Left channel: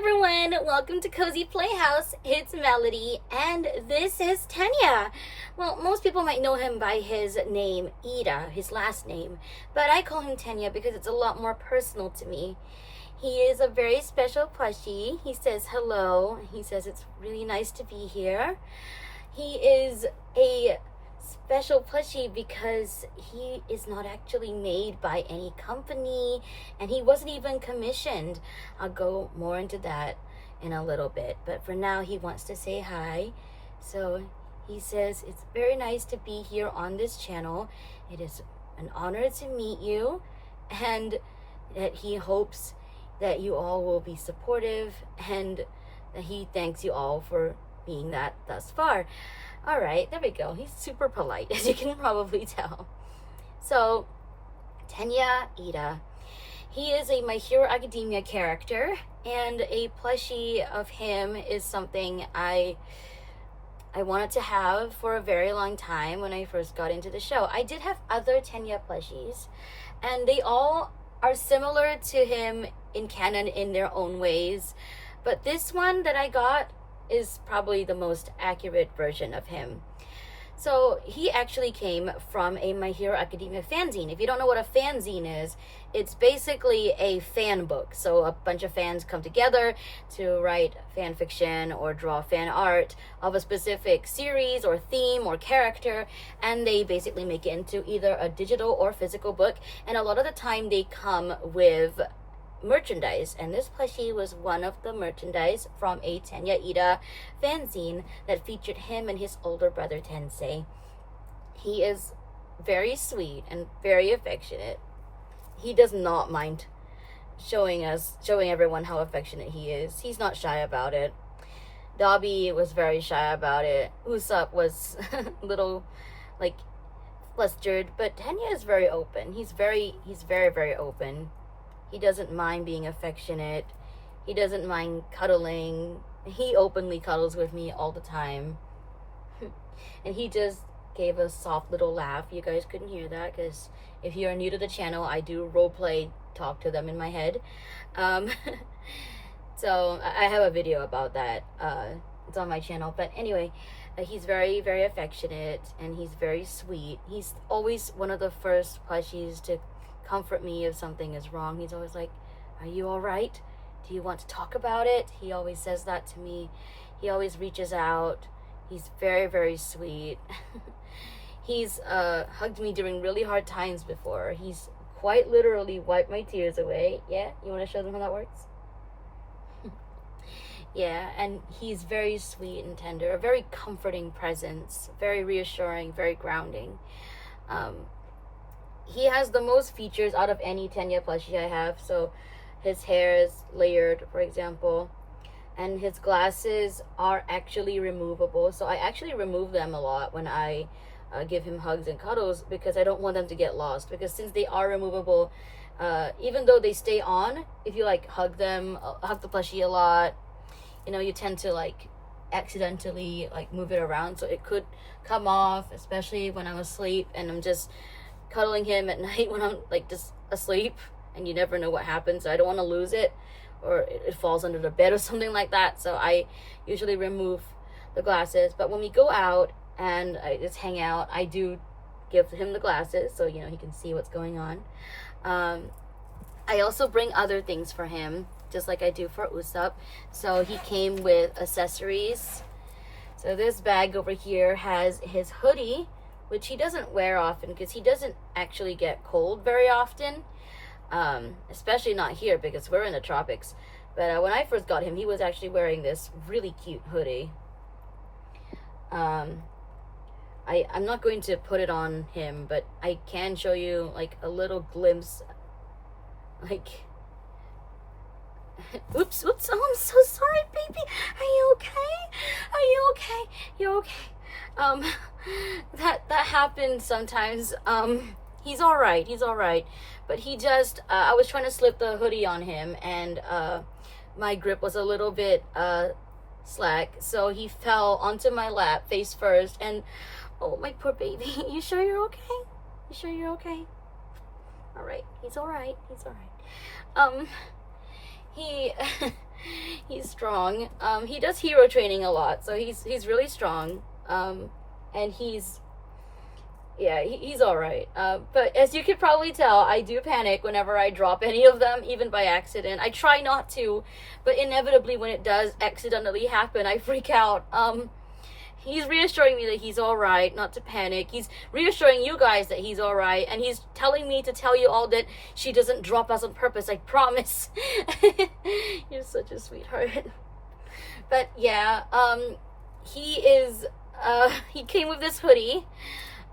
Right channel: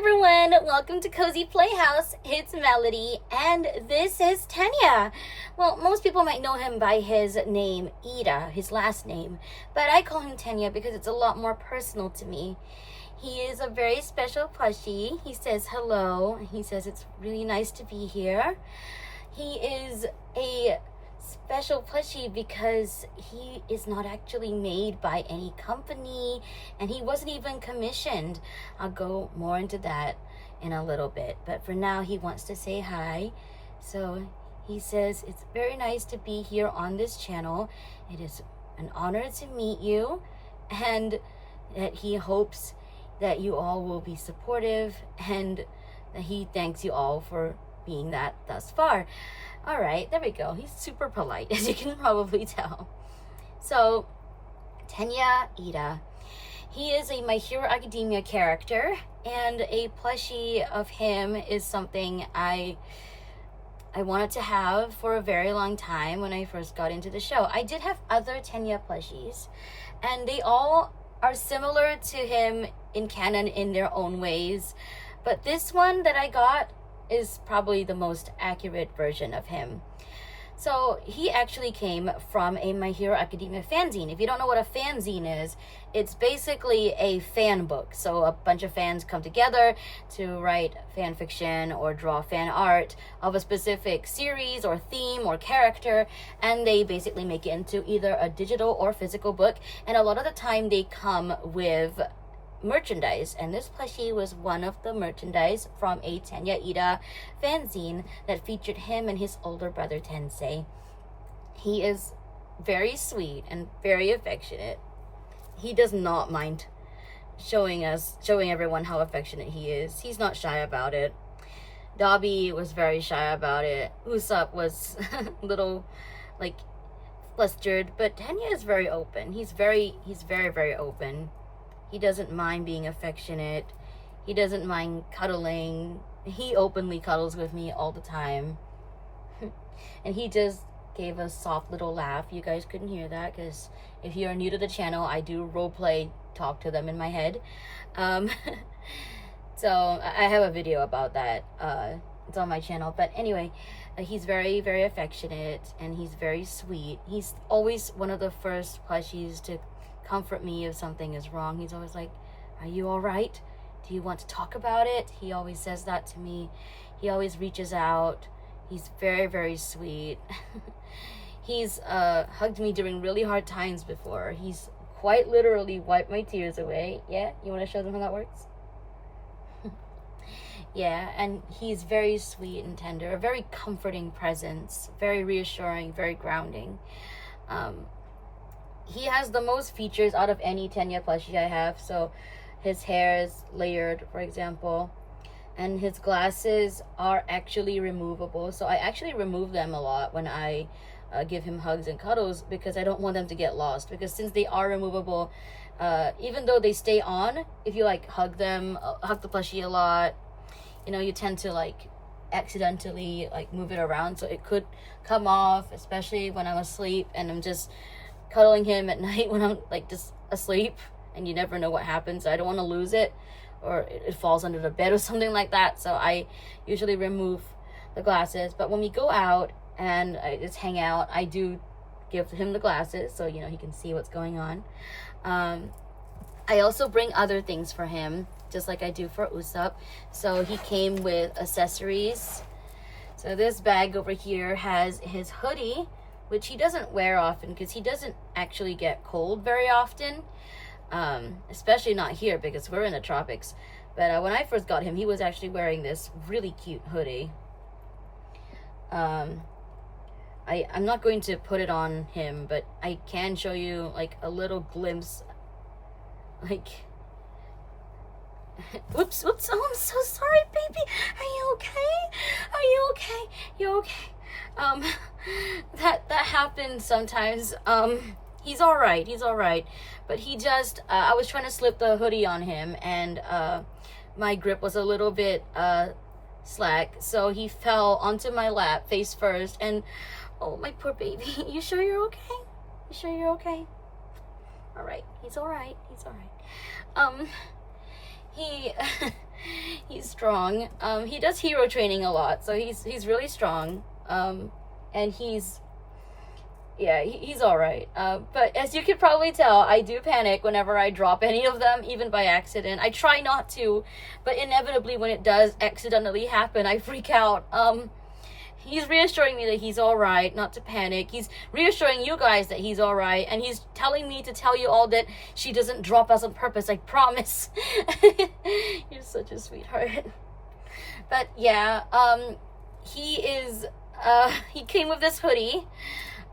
everyone, welcome to Cozy Playhouse. It's Melody and this is Tenya. Well, most people might know him by his name, Iida, his last name, but I call him Tenya because it's a lot more personal to me. He is a very special plushie. He says hello. He says it's really nice to be here. He is a special plushie because he is not actually made by any company and he wasn't even commissioned. I'll go more into that in a little bit, but for now he wants to say hi. So he says it's very nice to be here on this channel. It is an honor to meet you and that he hopes that you all will be supportive and that he thanks you all for being that thus far. All right, there we go. He's super polite, as you can probably tell. So, Tenya Iida. He is a My Hero Academia character, and a plushie of him is something I wanted to have for a very long time when I first got into the show. I did have other Tenya plushies, and they all are similar to him in canon in their own ways, but this one that I got is probably the most accurate version of him. So he actually came from a My Hero Academia fanzine. If you don't know what a fanzine is, it's basically a fan book. So a bunch of fans come together to write fan fiction or draw fan art of a specific series or theme or character, and they basically make it into either a digital or physical book, and a lot of the time they come with merchandise, and this plushie was one of the merchandise from a Tenya Iida fanzine that featured him and his older brother Tensei. He is very sweet and very affectionate. He does not mind showing everyone how affectionate he is. He's not shy about it. Dobby was very shy about it. Usopp was a little like flustered, but Tenya is very open. He's very open. He doesn't mind being affectionate. He doesn't mind cuddling. He openly cuddles with me all the time. And he just gave a soft little laugh. You guys couldn't hear that because if you're new to the channel, I do roleplay talk to them in my head. So I have a video about that. It's on my channel. But anyway, he's very, very affectionate and he's very sweet. He's always one of the first plushies to comfort me if something is wrong. He's always like, are you all right? Do you want to talk about it? He always says that to me. He always reaches out. He's very, very sweet. He's hugged me during really hard times before. He's quite literally wiped my tears away. Yeah, you want to show them how that works? Yeah, and he's very sweet and tender, a very comforting presence, very reassuring, very grounding. He has the most features out of any Tenya plushie I have. So his hair is layered, for example, and his glasses are actually removable. So I actually remove them a lot when I give him hugs and cuddles because I don't want them to get lost. Because since they are removable, even though they stay on, if you like hug the plushie a lot, you know, you tend to like accidentally like move it around. So it could come off, especially when I'm asleep and I'm just cuddling him at night when I'm like just asleep, and you never know what happens. I don't want to lose it or it falls under the bed or something like that. So I usually remove the glasses. But when we go out and I just hang out, I do give him the glasses so you know he can see what's going on. I also bring other things for him, just like I do for Usopp. So he came with accessories. So this bag over here has his hoodie, which he doesn't wear often because he doesn't actually get cold very often, especially not here because we're in the tropics. But when I first got him, he was actually wearing this really cute hoodie. I'm not going to put it on him, but I can show you like a little glimpse. Like, oops, oh, I'm so sorry, baby. Are you okay? Are you okay? You okay? That happens sometimes. He's all right, but he just I was trying to slip the hoodie on him, and my grip was a little bit slack, so he fell onto my lap face first, and oh, my poor baby. You sure you're okay? You sure you're okay? All right, he's all right. He strong. He does hero training a lot, so he's really strong. And he's all right. But as you can probably tell, I do panic whenever I drop any of them, even by accident. I try not to, but inevitably when it does accidentally happen, I freak out. He's reassuring me that he's all right, not to panic. He's reassuring you guys that he's all right, and he's telling me to tell you all that she doesn't drop us on purpose. I promise. You're such a sweetheart. But yeah, he came with this hoodie.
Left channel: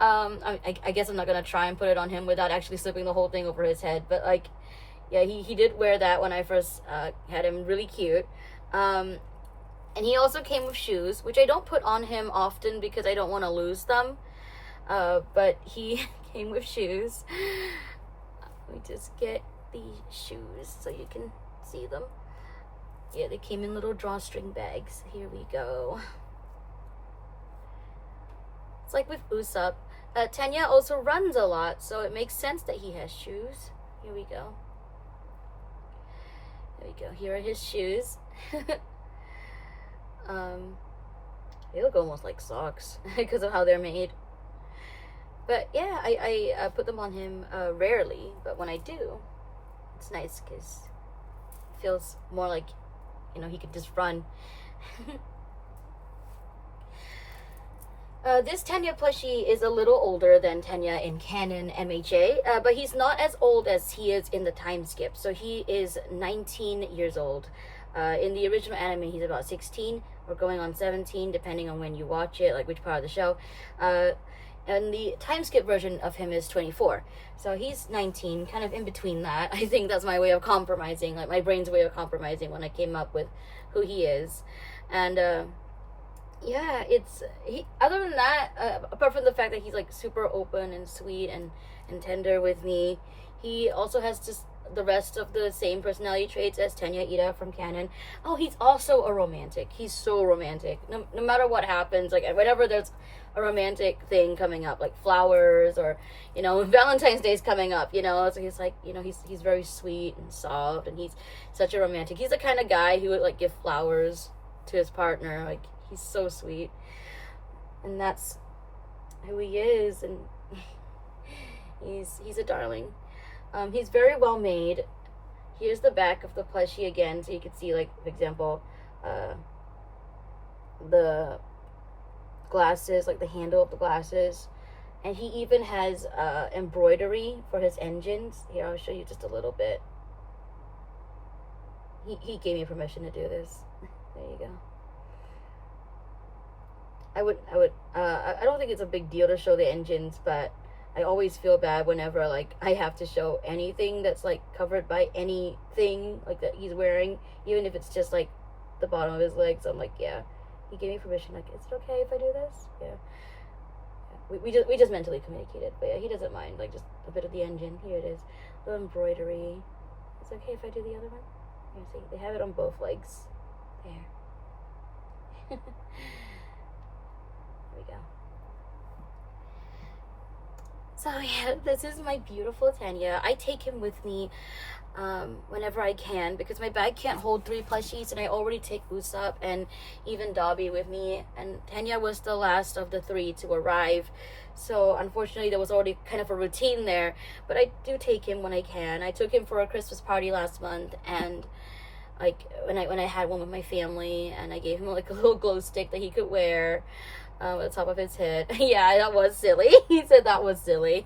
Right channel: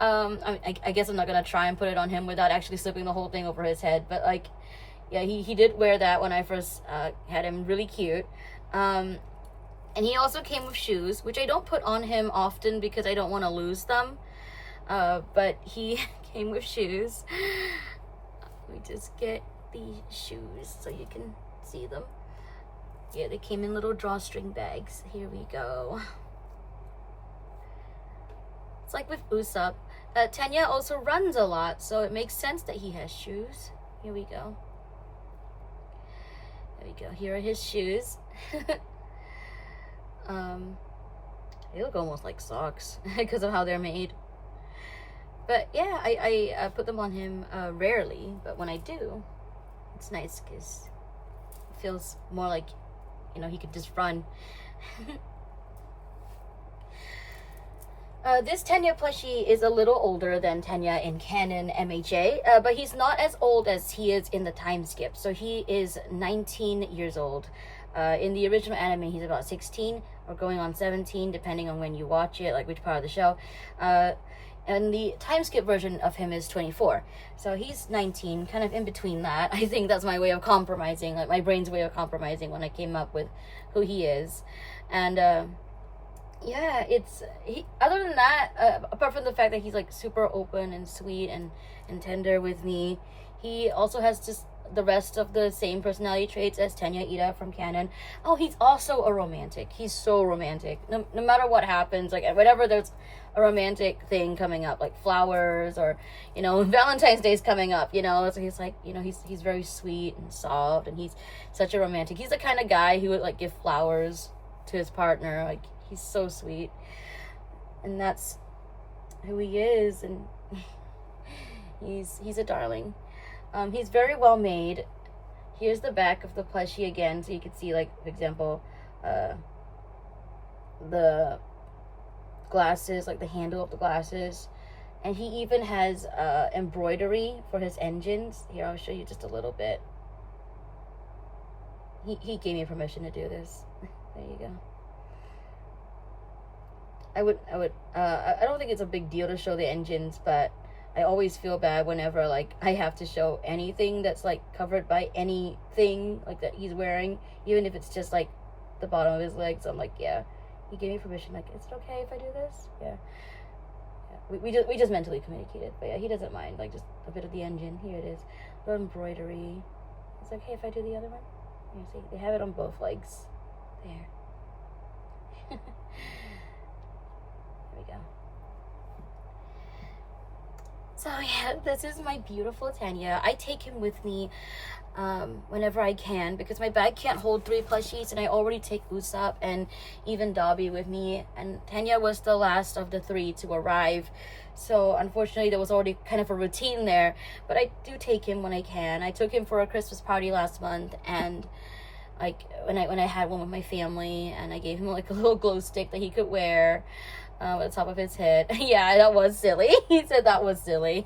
I guess I'm not gonna try and put it on him without actually slipping the whole thing over his head, but like, yeah, he did wear that when I first had him. Really cute. And he also came with shoes, which I don't put on him often because I don't want to lose them. But he came with shoes. Let me just get the shoes so you can see them. Yeah, they came in little drawstring bags. Here we go. It's like with Usopp. Tenya also runs a lot, so it makes sense that he has shoes. Here we go. There we go. Here are his shoes. They look almost like socks because of how they're made. But yeah, I put them on him rarely, but when I do, it's nice because it feels more like, you know, he could just run. This Tenya plushie is a little older than Tenya in canon MHA, but he's not as old as he is in the time skip. So he is 19 years old. In the original anime, he's about 16 or going on 17, depending on when you watch it, like which part of the show. And the time skip version of him is 24. So he's 19, kind of in between that. I think that's my way of compromising, like my brain's way of compromising when I came up with who he is. And yeah, other than that, apart from the fact that he's like super open and sweet and tender with me, he also has just the rest of the same personality traits as Tenya Iida from canon. Oh, he's also a romantic. He's so romantic. No matter what happens, like whenever there's a romantic thing coming up, like flowers or, you know, Valentine's Day's coming up, you know, so he's like, you know, he's very sweet and soft, and he's such a romantic. He's the kind of guy who would like give flowers to his partner. Like, he's so sweet, and that's who he is, and he's a darling. He's very well made. Here's the back of the plushie again, so you can see, like, for example, the glasses, like the handle of the glasses, and he even has embroidery for his engines. Here, I'll show you just a little bit. He gave me permission to do this. There you go. I don't think it's a big deal to show the engines, but I always feel bad whenever, like, I have to show anything that's, like, covered by anything, like, that he's wearing, even if it's just, like, the bottom of his legs. I'm like, yeah, he gave me permission, like, is it okay if I do this? Yeah. We just mentally communicated, but yeah, he doesn't mind, like, just a bit of the engine. Here it is. Little embroidery. It's okay if I do the other one? Here, see, they have it on both legs. There. There we go. So yeah, this is my beautiful Tenya. I take him with me whenever I can because my bag can't hold 3 plushies, and I already take Usopp and even Dobby with me, and Tenya was the last of the 3 to arrive. So unfortunately there was already kind of a routine there, but I do take him when I can. I took him for a Christmas party last month, and like when I had one with my family, and I gave him like a little glow stick that he could wear at the top of his head. Yeah, that was silly. He said that was silly.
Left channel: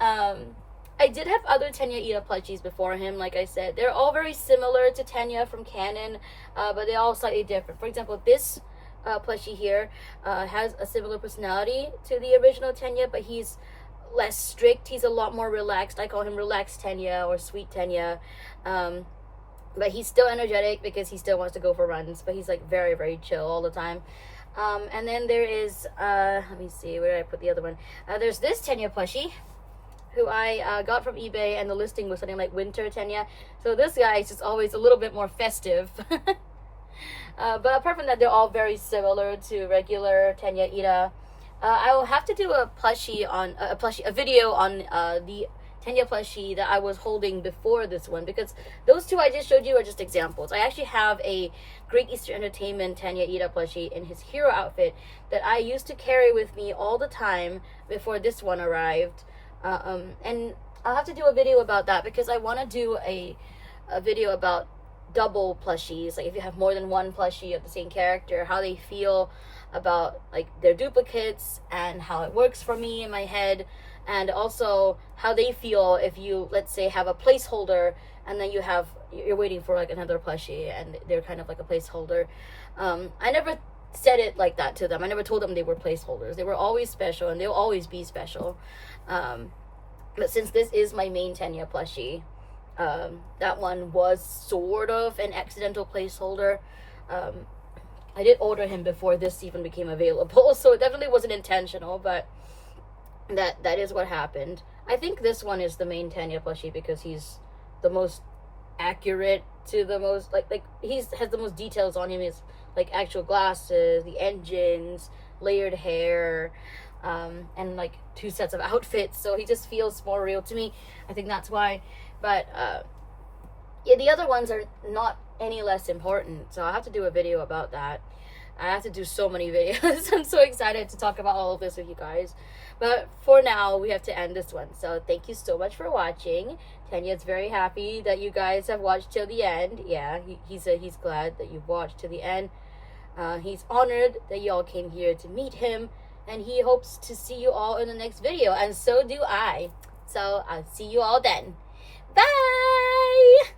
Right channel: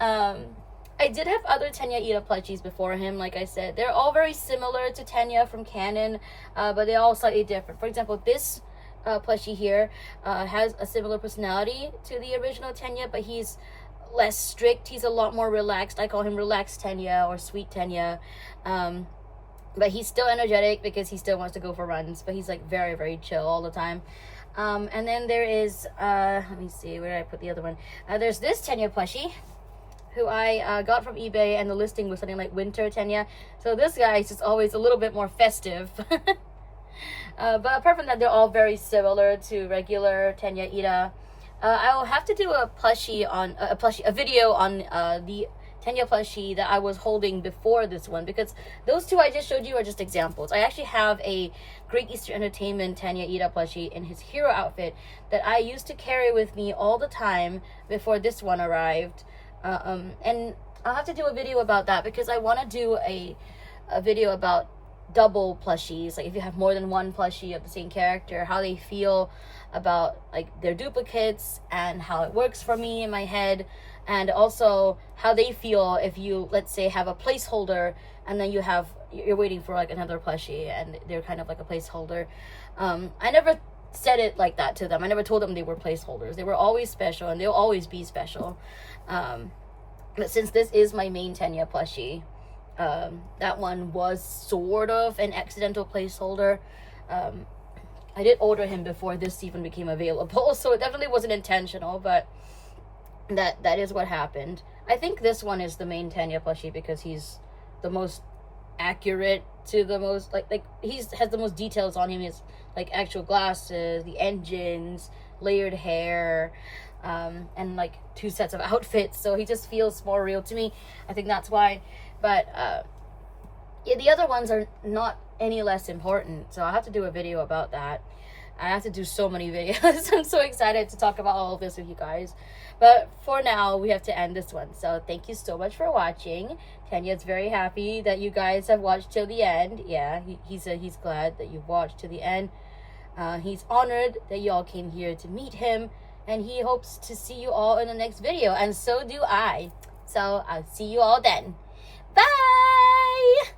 I did have other Tenya Iida plushies before him. Like I said, they're all very similar to Tenya from canon, but they're all slightly different. For example, this plushie here has a similar personality to the original Tenya, but he's less strict. He's a lot more relaxed. I call him relaxed Tenya or sweet Tenya. But he's still energetic because he still wants to go for runs, but he's like very, very chill all the time. And then there is, let me see, where did I put the other one? There's this Tenya plushie, who I got from eBay, and the listing was something like Winter Tenya. So this guy is just always a little bit more festive. But apart from that, they're all very similar to regular Tenya Iida. I will have to do a plushie on, a video on the Tenya plushie that I was holding before this one, because those two I just showed you are just examples. I actually have a Great Eastern Entertainment Tenya Iida plushie in his hero outfit that I used to carry with me all the time before this one arrived. And I'll have to do a video about that, because I want to do a video about double plushies, like if you have more than one plushie of the same character, how they feel about like their duplicates, and how it works for me in my head, and also how they feel if you, let's say, have a placeholder and then you're waiting for like another plushie and they're kind of like a placeholder. I never said it like that to them. I never told them they were placeholders. They were always special, and they'll always be special. But since this is my main Tenya plushie, that one was sort of an accidental placeholder. I did order him before this even became available, so it definitely wasn't intentional, but that is what happened. I think this one is the main Tenya plushie because he's the most accurate to the most, like has the most details on him. His like actual glasses, the engines, layered hair, and like 2 sets of outfits, so he just feels more real to me. I think that's why. But yeah, the other ones are not any less important, so I'll have to do a video about that. I have to do so many videos. I'm so excited to talk about all of this with you guys, but for now we have to end this one. So thank you so much for watching. Tenya's very happy that you guys have watched till the end. Yeah, he said he's glad that you've watched to the end. He's honored that you all came here to meet him, and he hopes to see you all in the next video, and so do I. So I'll see you all then. Bye!